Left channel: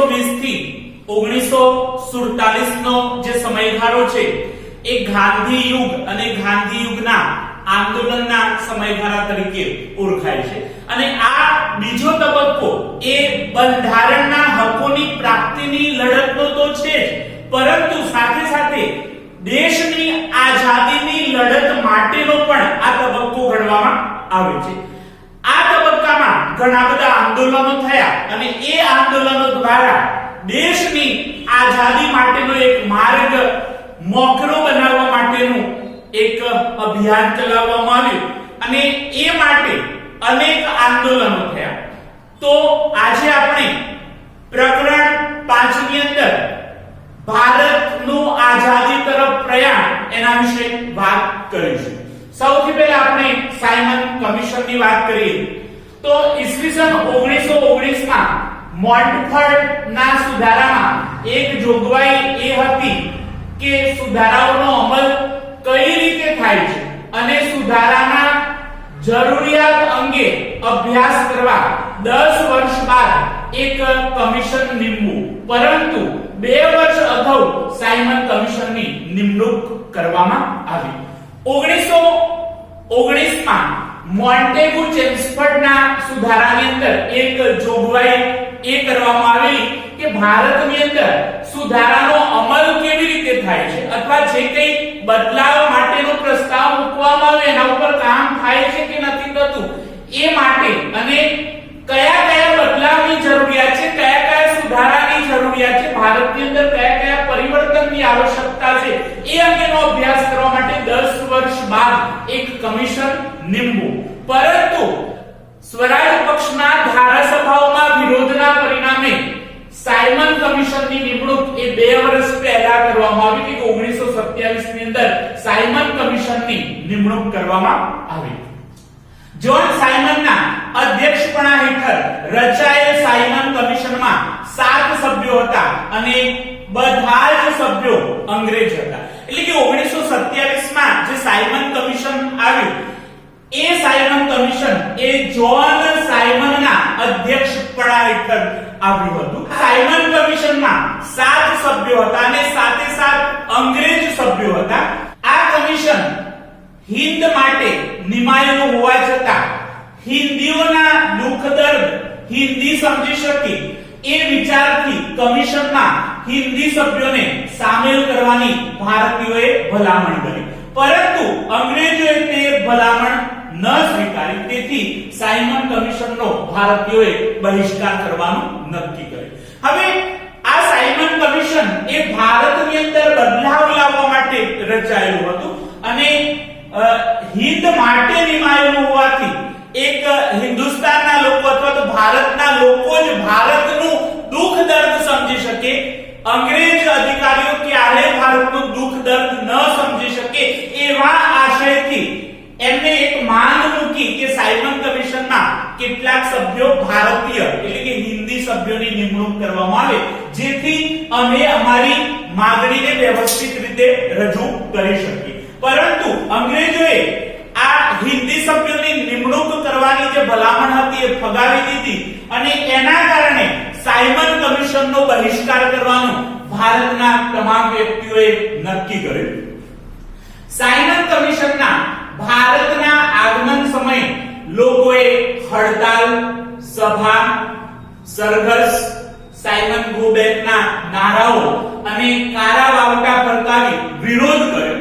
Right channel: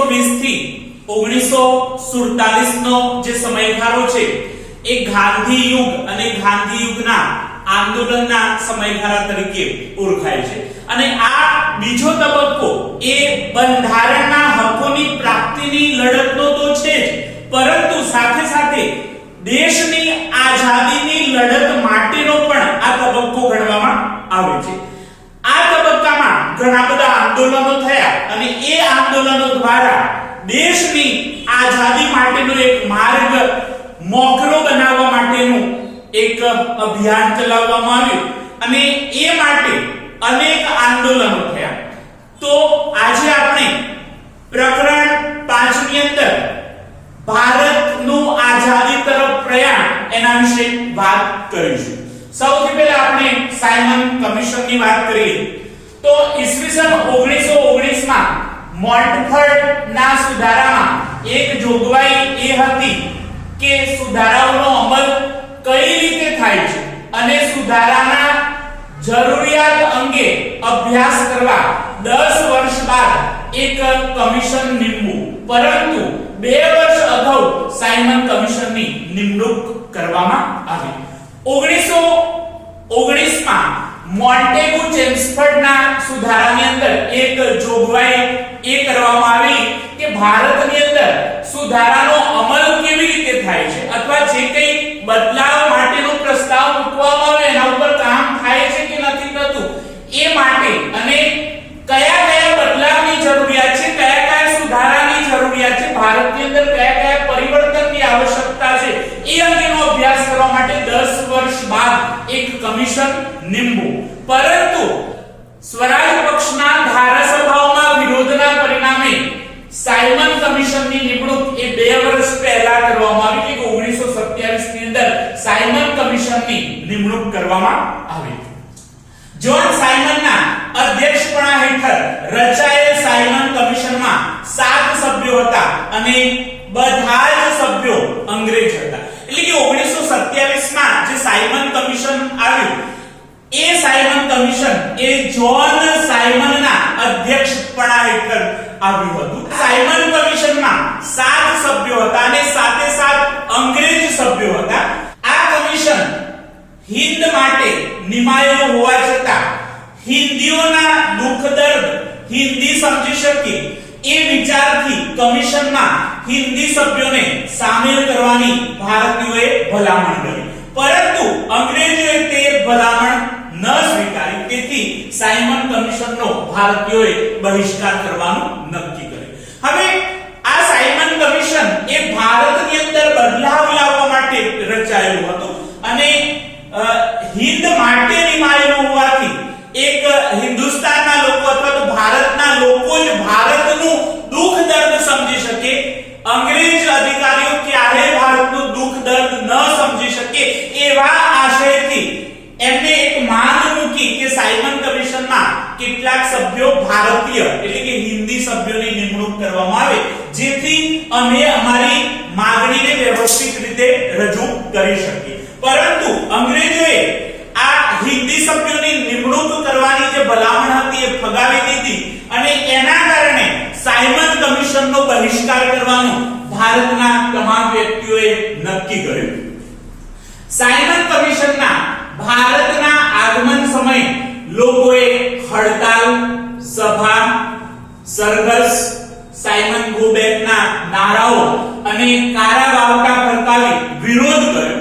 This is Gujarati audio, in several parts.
1920 થી 1947 નો જે સમયગાળો છે એ ગાંધી યુગ અને ગાંધી યુગના આંદોલનના સમયગાળા તરીકે ઓળખાય છે અને આ બીજો તબક્કો એ બંધારણના હકોની પ્રાપ્તિની લડતનો તો છે જ, પરંતુ સાથે સાથે દેશની આઝાદીની લડત માટેનો પણ આ તબક્કો ગણવામાં આવે છે। આ તબક્કામાં ઘણા બધા આંદોલનો થયા અને એ આંદોલનો દ્વારા દેશની આઝાદી માટેનો એક માર્ગ મોખરો બનાવવા માટેનું એક અભિયાન ચલાવવામાં આવ્યું અને એ માટે અનેક આંદોલનો થયા। તો આજે આપણે પ્રકરણ 5 ની અંદર ભારતનું આઝાદી તરફ પ્રયાણ એના વિશે વાત કરીશું। સૌથી પહેલા આપણે સાયમન કમિશનની વાત કરીએ તો ઈસવીસન 1919 માં મોન્ટફોર્ટના સુધારામાં એક જોગવાઈ એ હતી કે સુધારાઓનો અમલ કઈ રીતે થાય છે અને સુધારાના જરૂરિયાત અંગે અભ્યાસ કરવા 10 વર્ષ બાદ એક કમિશન નીમવું, પરંતુ 2 વર્ષ અગાઉ સાયમન કમિશનની નિમણૂક કરવામાં આવી। 1919 માં મોન્ટેગુ ચેમ્સફોર્ડના સુધારાની અંદર એક જોગવાઈ એ કરવામાં આવી કે ભારતની અંદર સુધારાનો અમલ કેવી રીતે થાય છે અથવા જે કંઈ બદલાવ માટેનો પ્રસ્તાવ મૂકવામાં આવે એના ઉપર કામ થાય છે કે નથી થતું એ માટે અને કયા કયા બદલાવની જરૂરિયાત છે, કયા કયા સુધારાની જરૂરિયાત છે, ભારતની અંદર કયા કયા પરિવર્તનની આવશ્યકતા છે એ અંગેનો અભ્યાસ કરવા માટે 10 વર્ષ બાદ એક કમિશન નીમવું, પરંતુ સ્વરાજ પક્ષના ધારાસભાઓમાં વિરોધના પરિણામે સાયમન કમિશનની નિમણૂક એ 2 વર્ષ પહેલા કરવામાં આવી કે 1927 ની અંદર સાયમન કમિશનની નિમણૂક કરવામાં આવી। જ્હોન સાયમનના અધ્યક્ષપણા હેઠળ રચાયેલ સાયમન કમિશનમાં 7 સભ્યો હતા અને બધા જ સભ્યો અંગ્રેજ હતા। એટલે કે 1927 માં જે સાયમન કમિશન આવ્યું એ સાયમન કમિશન એ જ્હોન સાયમનના અધ્યક્ષપણા હેઠળ આવ્યું હતું। સાયમન કમિશનમાં 7 સભ્યો હતા અને સાથે સાથ અંગ્રેજ સભ્યો હતા। આ કમિશન હિન્દ માટે નિમાયેલું હોવા છતાં હિન્દીઓના દુઃખ દર્દ હિન્દી સમજી શકે એ વિચારથી કમિશનમાં હિન્દી સભ્યોને સામેલ કરવાની ભારતીયોએ ભલામણ કરી, પરંતુ અંગ્રેજોએ તે ભલામણ ન સ્વીકારી, તેથી સાયમન કમિશનનો ભારતીયોએ બહિષ્કાર કરવાનું નક્કી કર્યું। હવે આ સાયમન કમિશન એ ભારતની અંદર બદલાવ લાવવા માટે રચાયેલું હતું અને હિન્દ માટે નિમાયેલું હોવાથી એક હિન્દુસ્તાનના લોકો અથવા તો ભારતના લોકો જ ભારતનું દુઃખ દર્દ સમજી શકે, અંગ્રેજ અધિકારીઓ ક્યારેય ભારતનું દુઃખ દર્દ ન સમજી શકે એવા આશયથી એમને એક માંગ મૂકી કે સાયમન કમિશનમાં કેટલાક સભ્યો ભારતીય એટલે કે હિન્દી સભ્યોની નિમણૂક કરવામાં આવે, જેથી અમે અમારી માંગણીને વ્યવસ્થિત રીતે રજૂ કરી શકીએ। પરંતુ અંગ્રેજોએ આ હિન્દી સભ્યોની નિમણૂક કરવાની જે ભલામણ હતી એ ફગાવી દીધી અને એના કારણે સાયમન કમિશનનો બહિષ્કાર કરવાનું ભારતના તમામ વ્યક્તિઓએ નક્કી કર્યું। સાયમન કમિશનના ભારતના આગમન સમયે લોકોએ હડતાલ, સભા, સરઘસ, સાયમન ગો બેકના નારાઓ અને કારાવાવટા ફરકાવી વિરોધ કર્યો,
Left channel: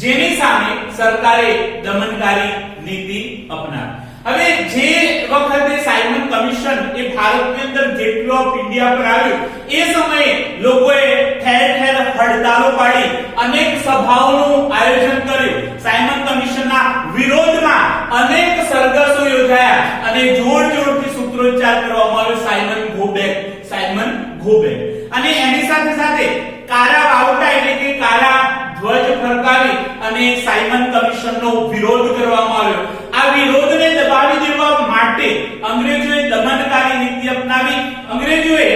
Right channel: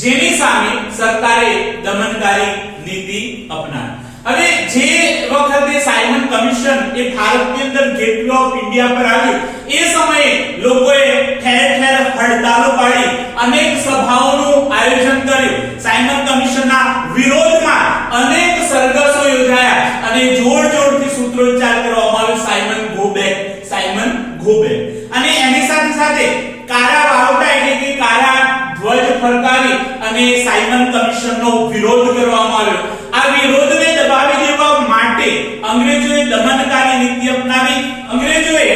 જેની સામે સરકારે દમનકારી નીતિ અપનાવી। હવે જે વખતે સાયમન કમિશન એ ભારતની અંદર ગેટવે ઓફ ઇન્ડિયા પર આવ્યું એ સમયે લોકોએ ઠેર ઠેર હડતાલો પાડી અનેક સભાઓનું આયોજન કર્યું। સાયમન કમિશનના વિરોધમાં અનેક સરઘસો યોજાયા અને જોરજોરથી સૂત્રોચ્ચાર કરવામાં આવ્યો Simon go back, Simon go back. અને એની સાથે સાથે કારાવાવટા એટલે કે કારા ધ્વજ ફરકાવી અને સાયમન કમિશનનો વિરોધ કરવામાં આવ્યો। આ વિરોધને દબાવી દેવા માટે અંગ્રેજોએ દમનકારી નીતિ અપનાવી। અંગ્રેજોએ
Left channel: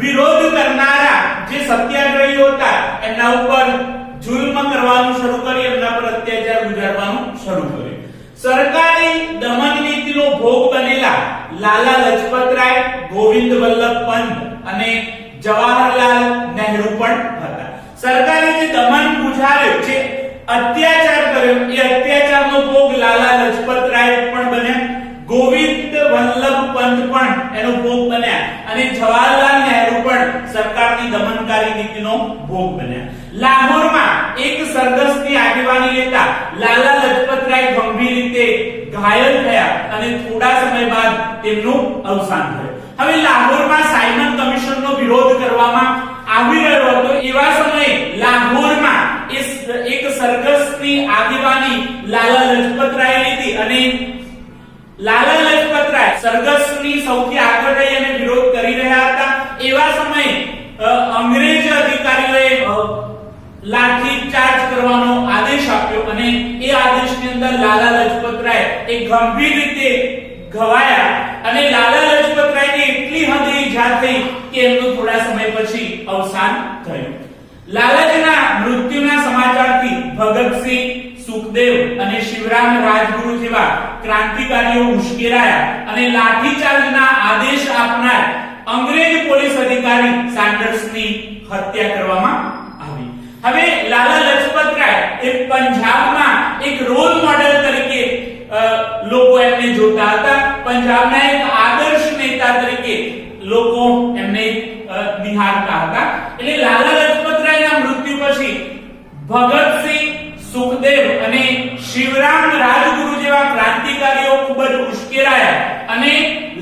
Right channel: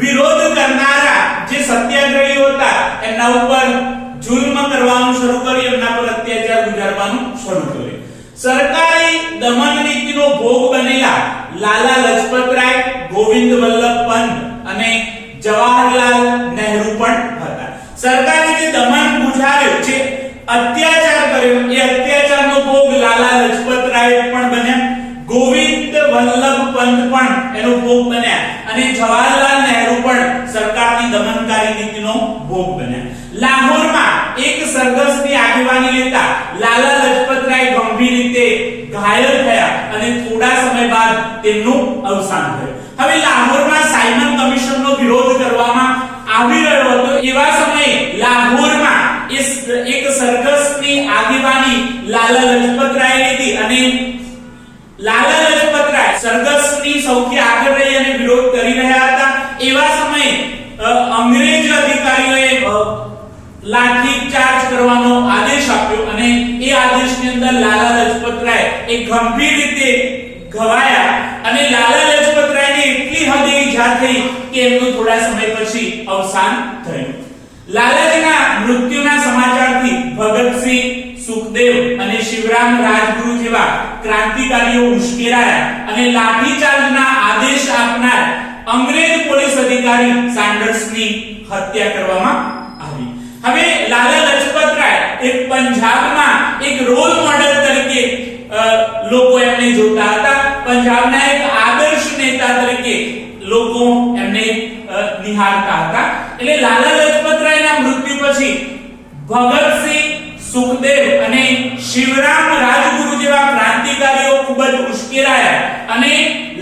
વિરોધ કરનારા જે સત્યાગ્રહીઓ હતા એમના ઉપર જુલ્મ કરવાનું શરૂ કર્યું, એમના પર અત્યાચાર ગુજારવાનું શરૂ કર્યું। સરકારી દમન નીતિનો ભોગ બનેલા લાલા લજપત રાય, ગોવિંદ વલ્લભ પંત અને જવાહરલાલ નહેરુ પણ હતા. સરકારે જે દમન ગુજાર્યો, જે અત્યાચાર કર્યો, એ અત્યાચારનો ભોગ લાલા લજપત રાય પણ બન્યા, ગોવિંદ વલ્લભ પંત પણ એનો ભોગ બન્યા અને જવાહરલાલ નહેરુ પણ સરકારની દમનકારી નીતિનો ભોગ બન્યા. લાહોરમાં એક સરઘસની આગેવાની લેતા લાલા લજપત રાય ગંભીર રીતે ઘાયલ થયા અને થોડા સમય બાદ તેમનું અવસાન થયું. હવે લાહોરમાં સાયમન કમિશનનો વિરોધ કરવામાં આવી રહ્યો હતો. એવા સમયે લાહોરમાં એક સરઘસની આગેવાની લાલા લજપત રાય લીધી અને લાલા લજપત રાય સરઘસની સૌથી આગળ રહી અને વિરોધ કરી રહ્યા હતા. એવા સમયે અંગ્રેજ અધિકારીઓએ લાઠી ચાર્જ કરવાનો આદેશ આપ્યો અને એ આદેશની અંદર લાલા લજપત રાય એ ગંભીર રીતે ઘવાયા અને લાલા લજપત રાયને એટલી હદે ઈજા થઈ કે એમનું થોડા સમય પછી અવસાન થયું. લાલાજીના મૃત્યુના સમાચારથી ભગતસિંહ, સુખદેવ અને શિવરામ રાજગુરુ જેવા ક્રાંતિકારીઓ ઉશ્કેરાયા અને લાઠીચાર્જના આદેશ આપનાર અંગ્રેજ પોલીસ અધિકારી સાન્ડર્સની હત્યા કરવામાં આવી. હવે લાલા લજપત રાય એ પંજાબમાં એક રોલ મોડેલ તરીકે લોકો એમને જોતા હતા. પંજાબના એક આદર્શ નેતા તરીકે લોકો એમને નિહાળતા હતા. એટલે લાલા લજપત રાયના મૃત્યુ પછી ભગતસિંહ, સુખદેવ અને શિવરામ રાજગુરુ જેવા ક્રાંતિકારીઓ ખૂબ જ ઉશ્કેરાયા અને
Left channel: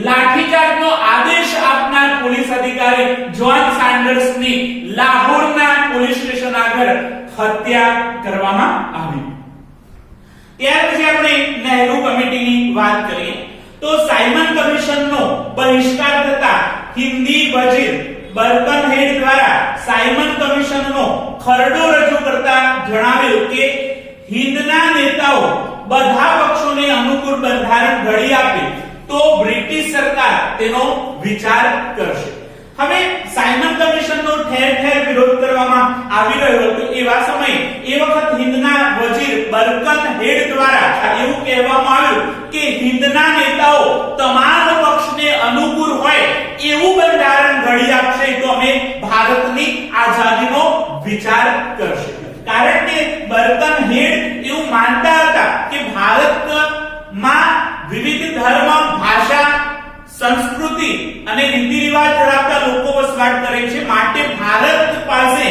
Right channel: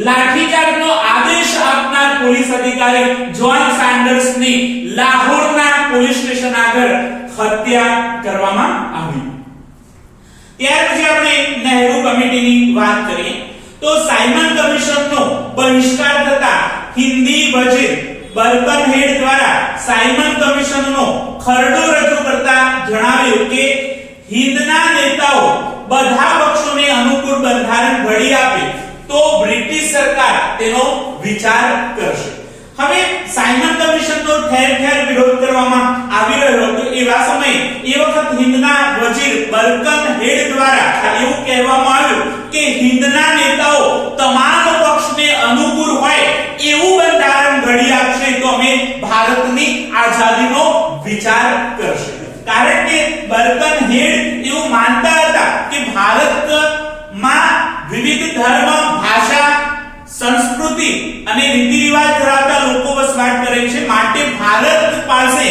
લાઠીચાર્જનો આદેશ આપનાર પોલીસ અધિકારી જ્હોન સાન્ડર્સની લાહોરના પોલીસ સ્ટેશન આગળ હત્યા કરવામાં આવી. ત્યાર પછી આપણે નહેરુ કમિટીની વાત કરીએ તો સાયમન કમિશનનો બહિષ્કાર થતા હિન્દી વજીર બર્કનહેડ દ્વારા સાયમન કમિશનનો ખરડો રજૂ કરતા જણાવ્યું કે હિન્દના નેતાઓ બધા પક્ષોને અનુકૂળ બંધારણ ઘડી આપે તો બ્રિટિશ સરકાર તેનો વિચાર કરશે. હવે સાયમન કમિશનનો ઠેર ઠેર વિરોધ કરવામાં આવી રહ્યો હતો. એવા સમયે એ વખત હિન્દના વજીર બર્કનહેડ દ્વારા એવું કહેવામાં આવ્યું કે હિન્દના નેતાઓ તમામ પક્ષને અનુકૂળ હોય એવું બંધારણ ઘડી આપશે તો અમે ભારતની આઝાદીનો વિચાર કરશે. કારણ કે બર્કનહેડ એવું માનતા હતા કે ભારતમાં વિવિધ ધર્મ, ભાષા, સંસ્કૃતિ અને રીતિ રિવાજ ધરાવતા લોકો વસવાટ કરે છે. માટે ભારત પાસે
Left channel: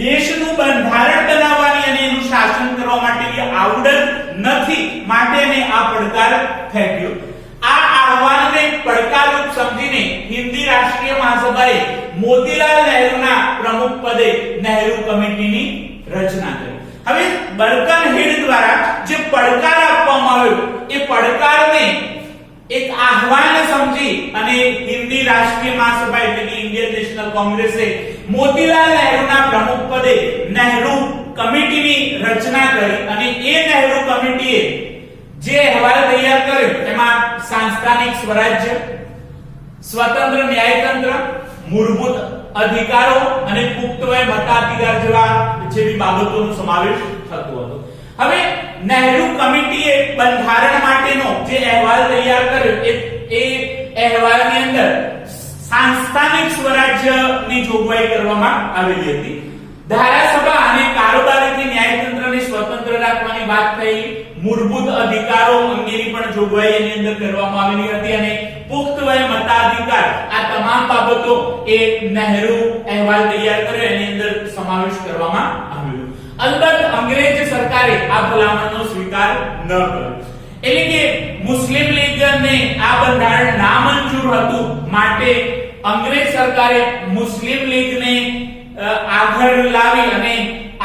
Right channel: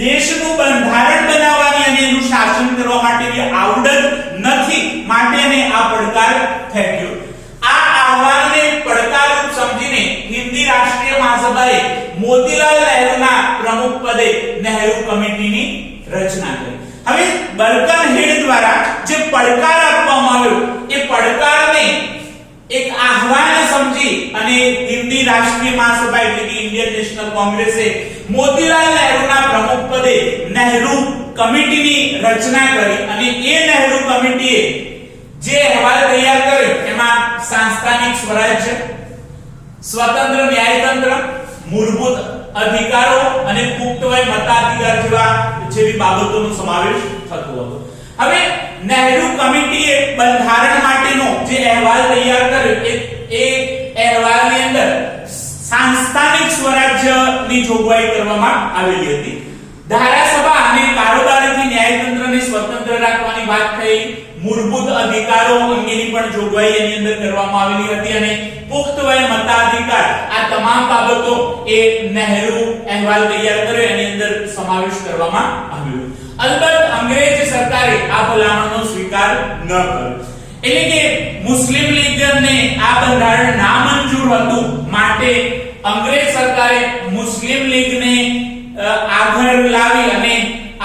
દેશનું બંધારણ બનાવવાની અને એનું શાસન કરવા માટેની આવડત નથી. માટે એને આ પડકાર ફેંક્યો. આ આહવાનને પડકારરૂપ સમજીને હિન્દી રાષ્ટ્રીય મહાસભાએ મોતીલાલ નહેરુના પ્રમુખ પદે નહેરુ કમિટીની રચના કરી. હવે બર્કનહેડ દ્વારા જે પડકાર આપવામાં આવ્યો એ પડકારને એક આહવાન સમજી અને હિન્દી રાષ્ટ્રીય મહાસભા એટલે કે ઇન્ડિયન નેશનલ કોંગ્રેસે મોતીલાલ નહેરુના પ્રમુખ પદે નહેરુ કમિટીની રચના કરી અને એ નહેરુ કમિટીએ જે અહેવાલ તૈયાર કર્યો એમાં સાંસ્થાનિક સ્વરાજ્ય, સ્વતંત્ર ન્યાયતંત્ર, મૂળભૂત અધિકારો અને પુખ્ત વય મતાધિકાર જેવી બાબતોનો સમાવેશ થતો હતો. હવે નહેરુ કમિટીએ બંધારણ માટેનો જે અહેવાલ તૈયાર કર્યો એ અહેવાલની અંદર સાંસ્થાનિક સ્વરાજ્યની જોગવાઈ કરવામાં આવેલી હતી. ધારાસભા અને કારોબારીથી ન્યાયતંત્રને સ્વતંત્ર રાખવાની વાત થઈ. મૂળભૂત અધિકારો અંગેની પણ જોગવાઈ એની અંદર કરવામાં આવેલી હતી અને પુખ્ત વય મતાધિકાર આ તમામ બાબતો એ નહેરુ અહેવાલ તૈયાર કર્યો એની અંદર સમાવેશ કરવામાં આવ્યો. અલબત્ત અંગ્રેજ સરકારે આ ભલામણનો સ્વીકાર ન કર્યો. એટલે કે મુસ્લિમ લીગને આ બંધારણ નામંજૂર હતું. માટે અંગ્રેજ સરકારે મુસ્લિમ લીગને આગળ લાવી અને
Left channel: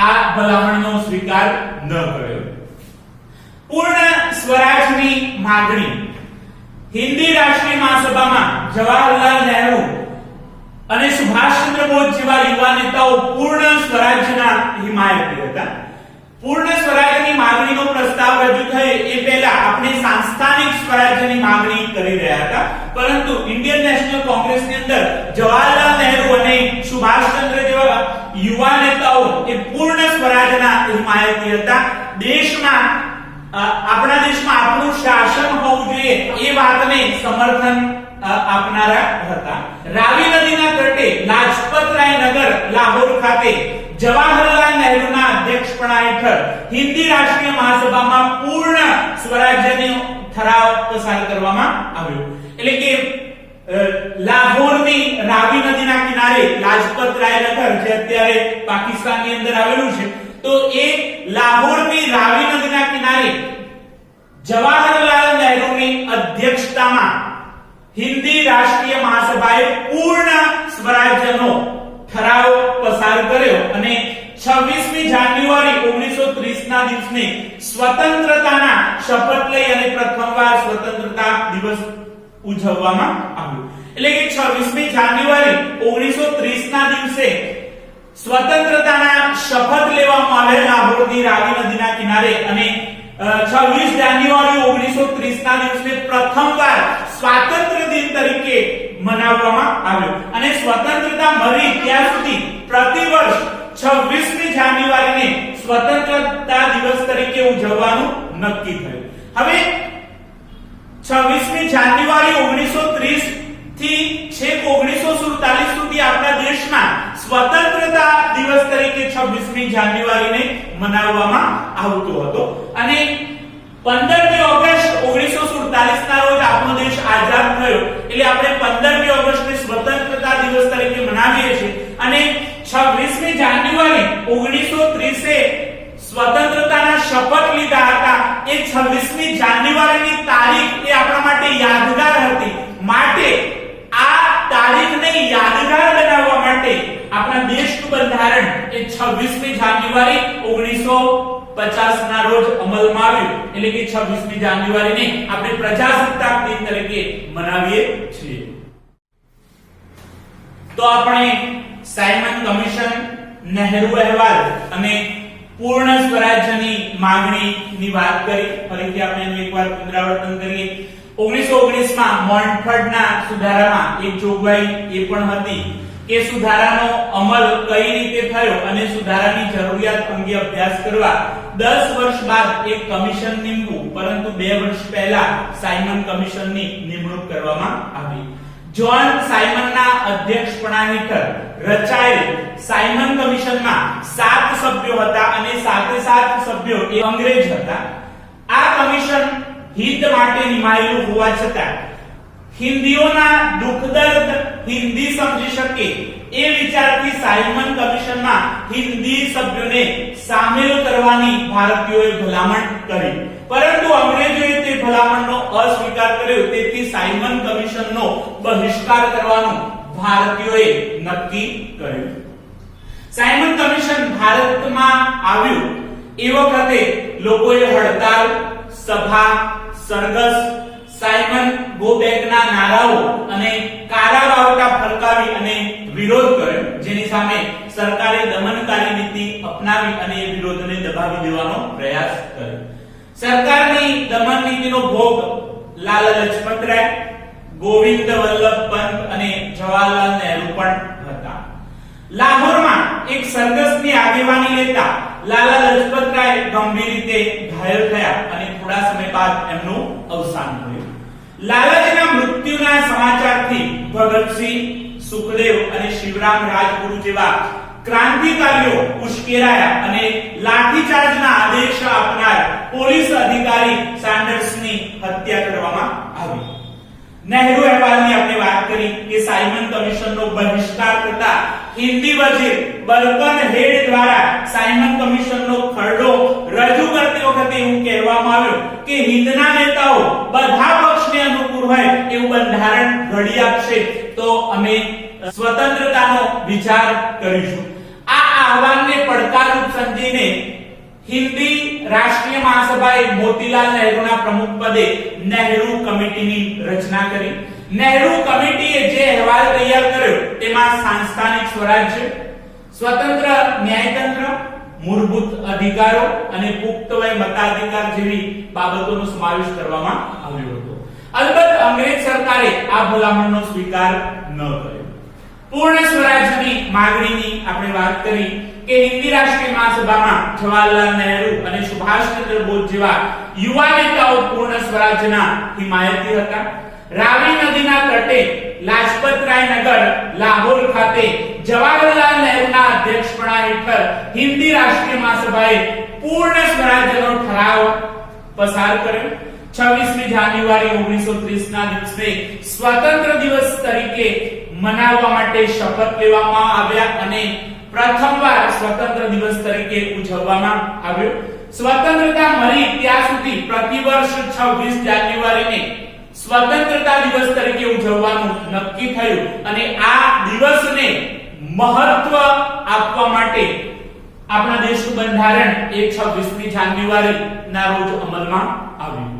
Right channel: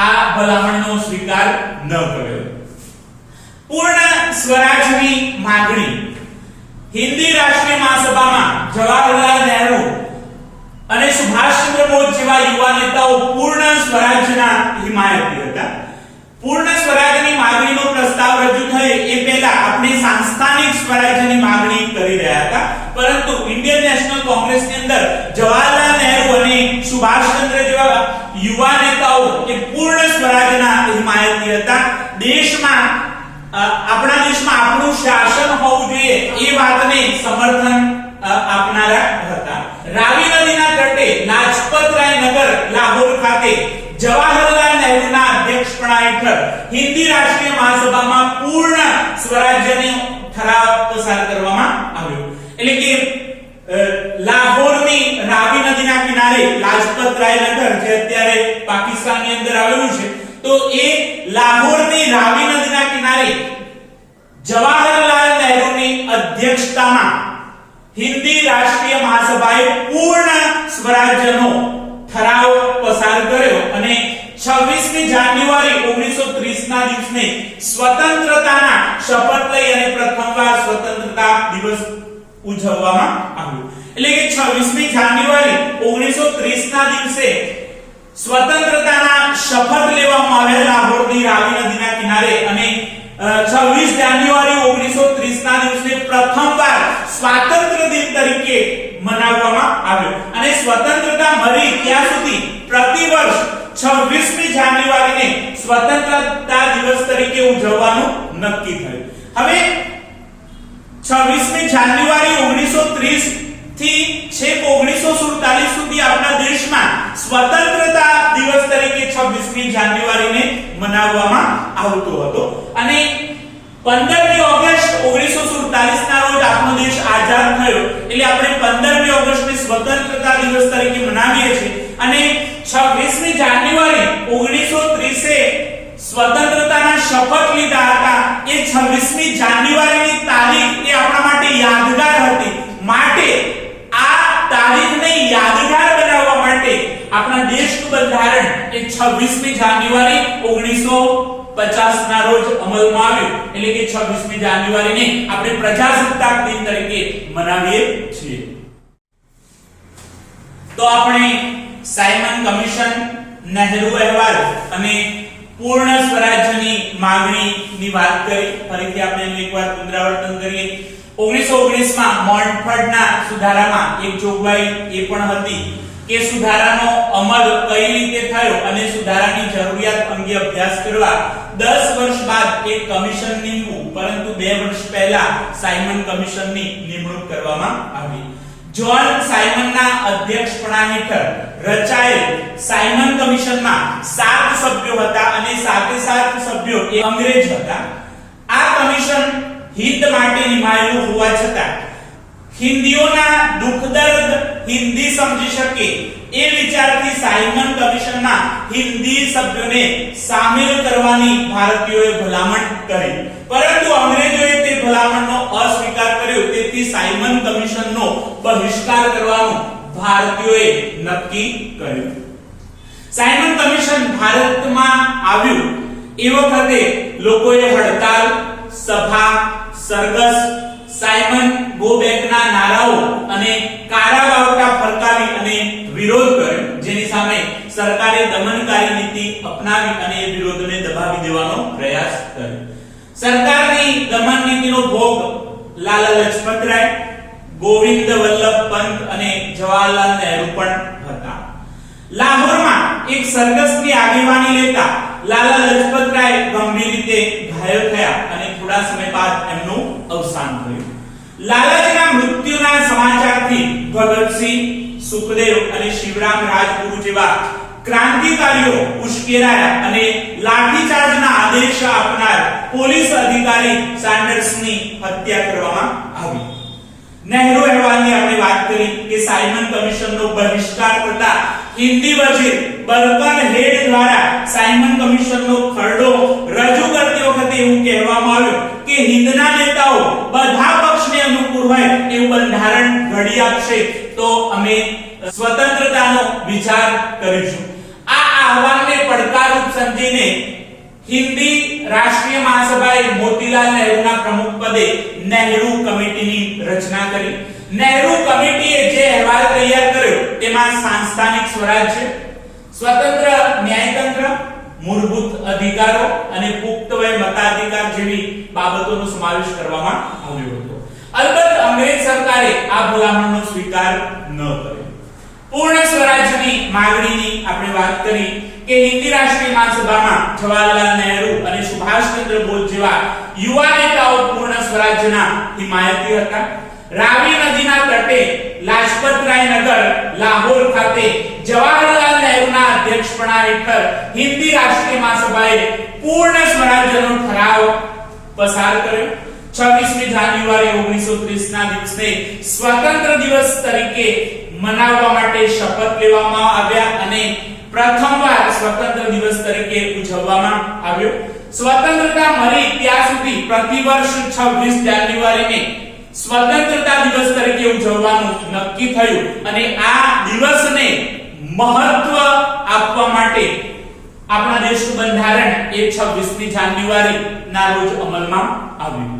આ ભલામણનો સ્વીકાર ન કર્યો. પૂર્ણ સ્વરાજની માંગણી. હિન્દી રાષ્ટ્રીય મહાસભામાં જવાહરલાલ નહેરુ અને સુભાષચંદ્ર બોઝ જેવા યુવા નેતાઓ પૂર્ણ સ્વરાજ્યના હિમાયતી હતા. પૂર્ણ સ્વરાજની માંગણીનો પ્રસ્તાવ રજૂ થયો એ પહેલા આપણે સાંસ્થાનિક સ્વરાજ્યની માંગણી કરી રહ્યા હતા. પરંતુ ઇન્ડિયન નેશનલ કોંગ્રેસની અંદર જવાહરલાલ નહેરુ અને સુભાષચંદ્ર જેવા યુવા નેતાઓ એ પૂર્ણ સ્વરાજના હિમાયતી હતા. આપણા દેશમાં આપણું શાસન હોવું જોઈએ એ વાતને સમર્થન આપનારા હતા. રાવી નદીના તટે લાજપતરાય નગર લાહોર ખાતે જવાહરલાલ નહેરુના અધ્યક્ષપણા હેઠળ હિન્દી રાષ્ટ્રીય મહાસભામાં પૂર્ણ સ્વરાજ્યનો ઠરાવ પસાર કરવામાં આવ્યો. એટલે કે લાહોરની રાવી નદીના કિનારે લાજપતરાય નગર જે અત્યારે પાકિસ્તાનની અંદર આવેલું છે, તો એ લાહોરની રાવી નદીના કિનારે જવાહરલાલ નહેરુની અધ્યક્ષતામાં હિન્દી રાષ્ટ્રીય મહાસભાએ પૂર્ણ સ્વરાજ્યનો ઠરાવ પસાર કર્યો અને 26મી જાન્યુઆરી 1930 ના દિવસને સ્વતંત્રતાના શપથ લઈ અને પ્રથમવાર સ્વતંત્રતા દિવસ ઉજવવામાં આવ્યો. એટલે કે 26મી જાન્યુઆરી 1930 ના દિવસે સ્વતંત્રતાના શપથ લેવામાં આવ્યા લાહોરની રાવી નદીના કિનારે અને 26 જાન્યુઆરી 1930 ના દિવસને પ્રથમવાર સ્વાતંત્ર્ય દિન તરીકે મનાવવામાં આવ્યો અને સ્વતંત્રતા મળી ત્યાં સુધી પ્રતિ વર્ષ 26મી જાન્યુઆરીને સ્વતંત્રતા દિવસ તરીકે ઉજવવાનું નક્કી થયું. હવે 26મી જાન્યુઆરી 1930 થી છેક 1947 સુધી આપણા દેશમાં સ્વતંત્રતા દિવસ તરીકે 26મી જાન્યુઆરીને મનાવવામાં આવતો હતો અને 15મી ઓગસ્ટ 1947 ના રોજ આપણો દેશ આઝાદ થયો. એટલે આપણે 15મી ઓગસ્ટને સ્વતંત્રતા દિવસ તરીકે મનાવીએ છીએ અને 26મી જાન્યુઆરી 1930 સ્વતંત્રતાના શપથ લીધા હતા. એ 26મી જાન્યુઆરીની તારીખ એ આપણા માટે યાદગાર હતી. માટે આ તારીખને યાદગાર બનાવવા માટે આપણા દેશનું બંધારણ એ 26મી જાન્યુઆરી 1950 ના રોજ અમલમાં આવ્યું. એટલે કે 26મી જાન્યુઆરીને આપણે પ્રજાસત્તાક દિન તરીકે મનાવીએ છીએ. તો આપણે સાયમન કમિશન, નહેરુ અહેવાલ અને પૂર્ણ સ્વરાજ્યની માંગણીની વાત કરી. ફરીથી આપણે એનું એકવાર પુનરાવર્તન કરીએ. 1919 માં મોન્ટફર્ડના સુધારામાં એક જોગવાઈ એ પણ હતી કે સુધારાનો અમલ કઈ રીતે થયો અને સુધારાની જરૂરિયાત અંગે અભ્યાસ કરવા 10 વર્ષ બાદ એક કમિશન નીમવું, પરંતુ 2 વર્ષ પહેલા સાયમન કમિશનની નિમણૂક કરવામાં આવી. જ્હોન સાયમનના અધ્યક્ષપણા હેઠળ રચાયેલ સાયમન કમિશનમાં 7 સભ્યો હતા અને 7 સભ્યો એ અંગ્રેજ હતા. આ કમિશન હિત માટે નિમાયેલું હોવા છતાં હિન્દીઓના દુઃખ દર્દ હિન્દી સમજી શકે એ વિચારથી સાયમન કમિશનમાં હિન્દી સભ્યોને સામેલ કરવાની ભારતીયોએ ભલામણ કરી, પરંતુ અંગ્રેજોએ તે ભલામણનો અસ્વીકાર કર્યો. તેથી સાયમન કમિશનનો બહિષ્કાર કરવાનું ભારતીયોએ નક્કી કર્યું. સાયમન કમિશન ભારતમાં આવ્યું એ વખતે લોકોએ હડતાલ, સભા, સરઘસ, સાયમન ગો બેકના નારાઓ અને કારાવાવટા ફરકાવી અને વિરોધ કર્યો, જેની સામે સરકારે દમનકારી નીતિ અપનાવી અને એ વિરોધને દબાવી દેવાનો પ્રયાસ કર્યો. સરકારની દમન નીતિનો ભોગ લાલા લજપતરાય, ગોવિંદ વલ્લભ પંત અને જવાહરલાલ નહેરુ પણ હતા. લાહોરમાં એક સરઘસની આગેવાની લેતા લાલા લજપતરાય ગંભીર રીતે ઘાયલ થયા અને થોડા સમય બાદ એમનું અવસાન થયું. લાલાજીના મૃત્યુના સમાચારથી ભગતસિંહ, સુખદેવ અને શિવરામ રાજગુરુ જેવા ક્રાંતિકારીઓ ઉશ્કેરાયા અને લાઠીચાર્જના આદેશ આપનાર પોલીસ અધિકારી સાન્ડર્સની હત્યા કરવામાં આવી. નહેરુ અહેવાલની આપણે વાત કરી કે સાયમન કમિશનનો બહિષ્કાર થતા હિન્દી વજીર બર્કન હેડ દ્વારા સાયમન કમિશનનો ખરડો રજૂ કરતી વખતે એવું કહેવામાં આવ્યું કે હિન્દના નેતાઓ બધા પક્ષને અનુકૂળ હોય એવું બંધારણ ઘડી આપશે તો અમે સ્વતંત્રતાનો વિચાર કરીશું. આ આહવાનને પડકારરૂપ સમજીને હિન્દી રાષ્ટ્રીય મહાસભાએ મોતીલાલ નહેરુના પ્રમુખ પદે નહેરુ કમિટીની રચના કરી. નહેરુ કમિટીએ જે અહેવાલ તૈયાર કર્યો તેમાં સાંસ્થાનિક સ્વરાજ્ય, સ્વતંત્ર ન્યાયતંત્ર, મૂળભૂત અધિકારો અને પુખ્ત વય મતાધિકાર જેવી બાબતોનો સમાવેશ કરવામાં આવ્યો હતો. અલબત્ત અંગ્રેજ સરકારે આ ભલામણનો સ્વીકાર ન કર્યો. પૂર્ણ સ્વરાજ્યની માંગણીની આપણે વાત કરી કે હિન્દી રાષ્ટ્રીય મહાસભામાં જવાહરલાલ નહેરુ અને સુભાષચંદ્ર બોઝ જેવા યુવા નેતાઓ પૂર્ણ સ્વરાજ્યના હિમાયતી હતા. રાવી નદીના તટે લાજપતરાય નગર લાહોર ખાતે જવાહરલાલ નહેરુના અધ્યક્ષપણા હેઠળ હિન્દી રાષ્ટ્રીય મહાસભાએ પૂર્ણ સ્વરાજ્યનો ઠરાવ પસાર કર્યો. 26મી જાન્યુઆરી 1930 ના દિવસે સ્વતંત્ર દિવસ તરીકે મનાવવા માટે શપથ લેવામાં આવ્યા અને પ્રથમવાર સ્વતંત્ર દિવસ તરીકે ઉજવવામાં આવ્યો. સ્વતંત્રતા મળી ત્યાં સુધી પ્રતિવર્ષ 26 જાન્યુઆરીને સ્વતંત્રતા દિવસ તરીકે ઉજવવાનું નક્કી થયું અને આ દિવસને મહત્વ આપવા માટે આપણા દેશનું બંધારણ એ 26મી જાન્યુઆરી ના રોજ અમલમાં આવ્યું.